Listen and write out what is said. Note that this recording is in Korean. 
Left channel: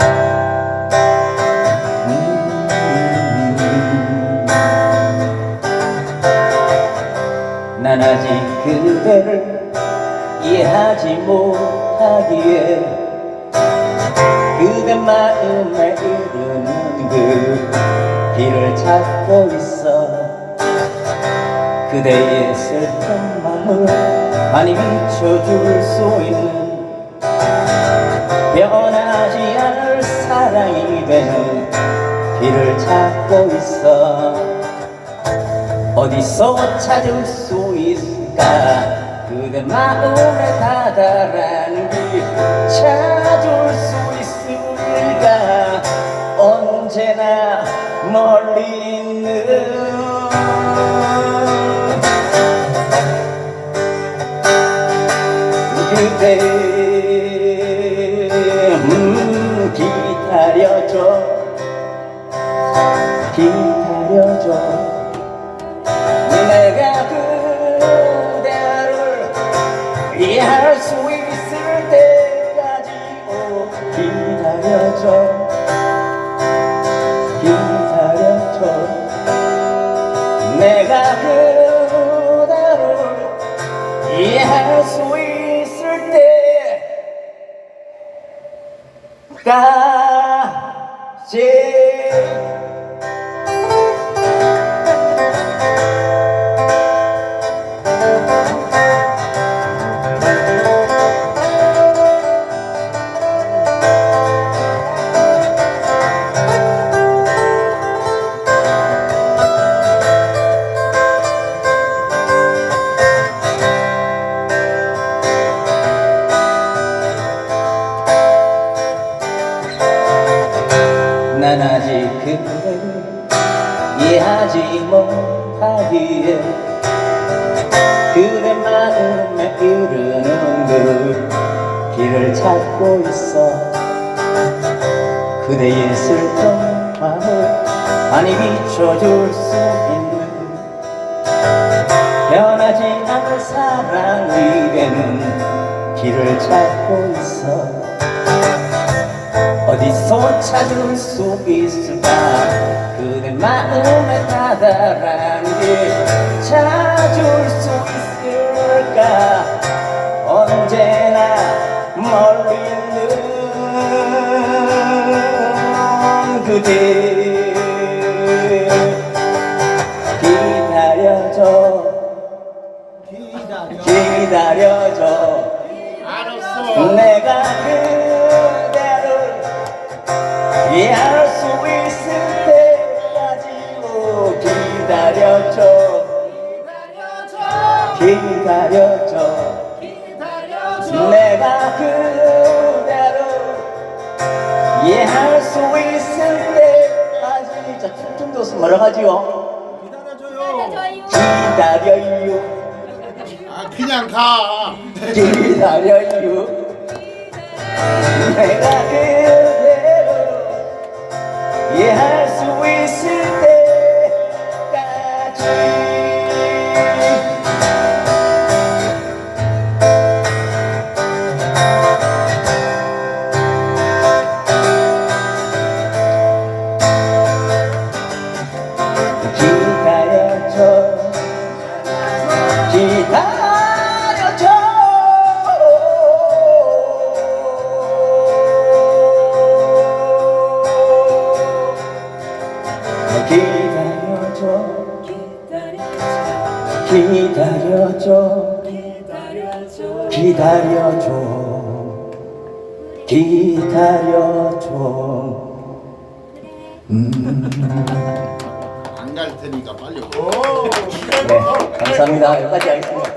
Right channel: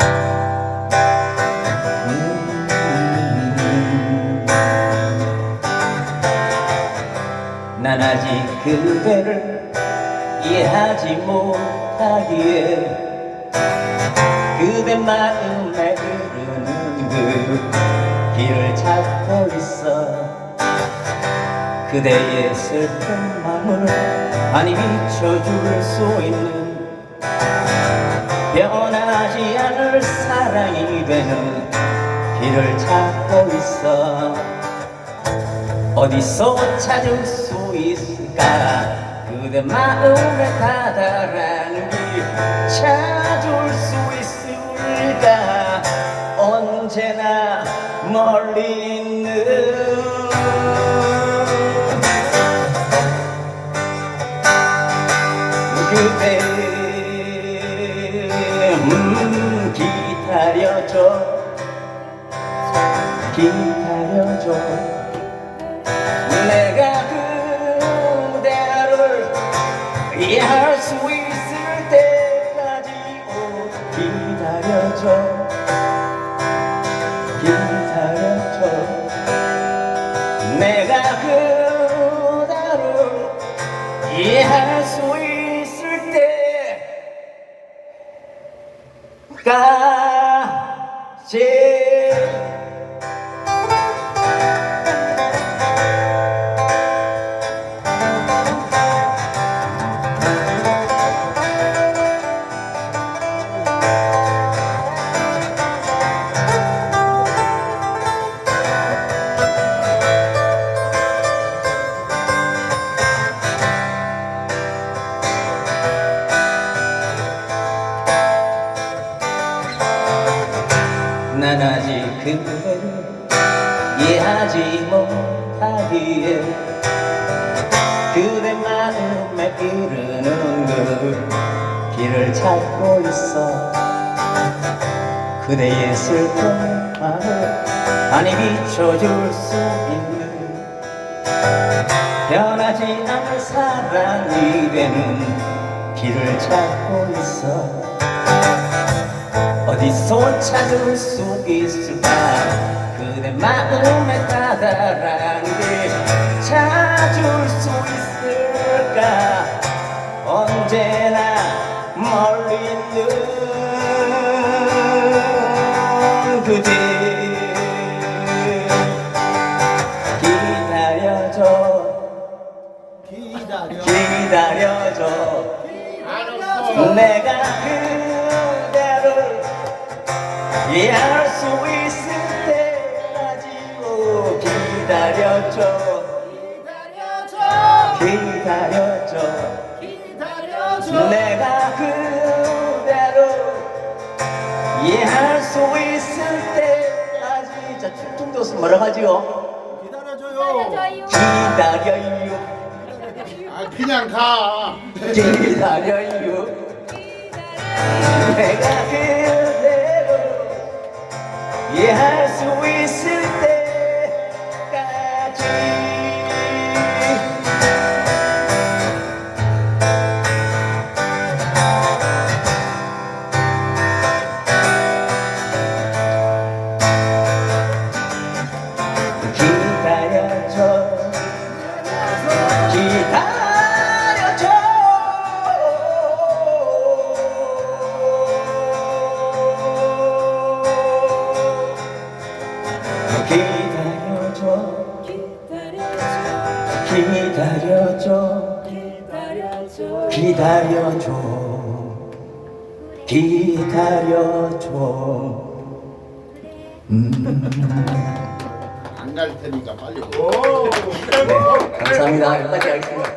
음. 난 아직 그대를 이해하지 못하기에 그대 마음에 흐르는 그 길을 찾고 있어 그대의 슬픈 마음을 많이 비춰줄 수 있는 변 길을 찾고 있어. 어디서 찾을 수 있을까? 그대 마음에 다다라는 길 찾을 수 있을까? 언제나 멀리 있는 그대. 음 기다려줘 기다려줘 내가 그대를 이해할 수 있을 때까지 오 기다려줘. 기다려줘. 내가 그대를 이해할 수 있을 때까지 이해하지 못하기에 그대 마음에 이르는 그 길을 찾고 있어. 그대의 슬픈 마음을 많이 비춰줄 수 있는 변하지 않을 사랑이 되는 길을 찾고 있어. 어디서 찾을 수 있을까? 그대 마음에 다다란 길 찾을 수 있을까 언제나 멀리 있는 그대 기다려줘 기다려. 기다려줘 알았어. 내가 그대를 이해할 수 있을 오, 기다려줘 기다려줘 기다려줘. 내가 그대를 이해할 수 있을 때까지 자 충청도에서 뭐라 하지요? 기다려줘요. 기다려요 아 그냥 가. 기다려요 기다려줘 기다려줘 기다려줘 기다려줘 음. 안갈 테니까 빨리. 네, 감사합니다. 여기까지 하겠습니다.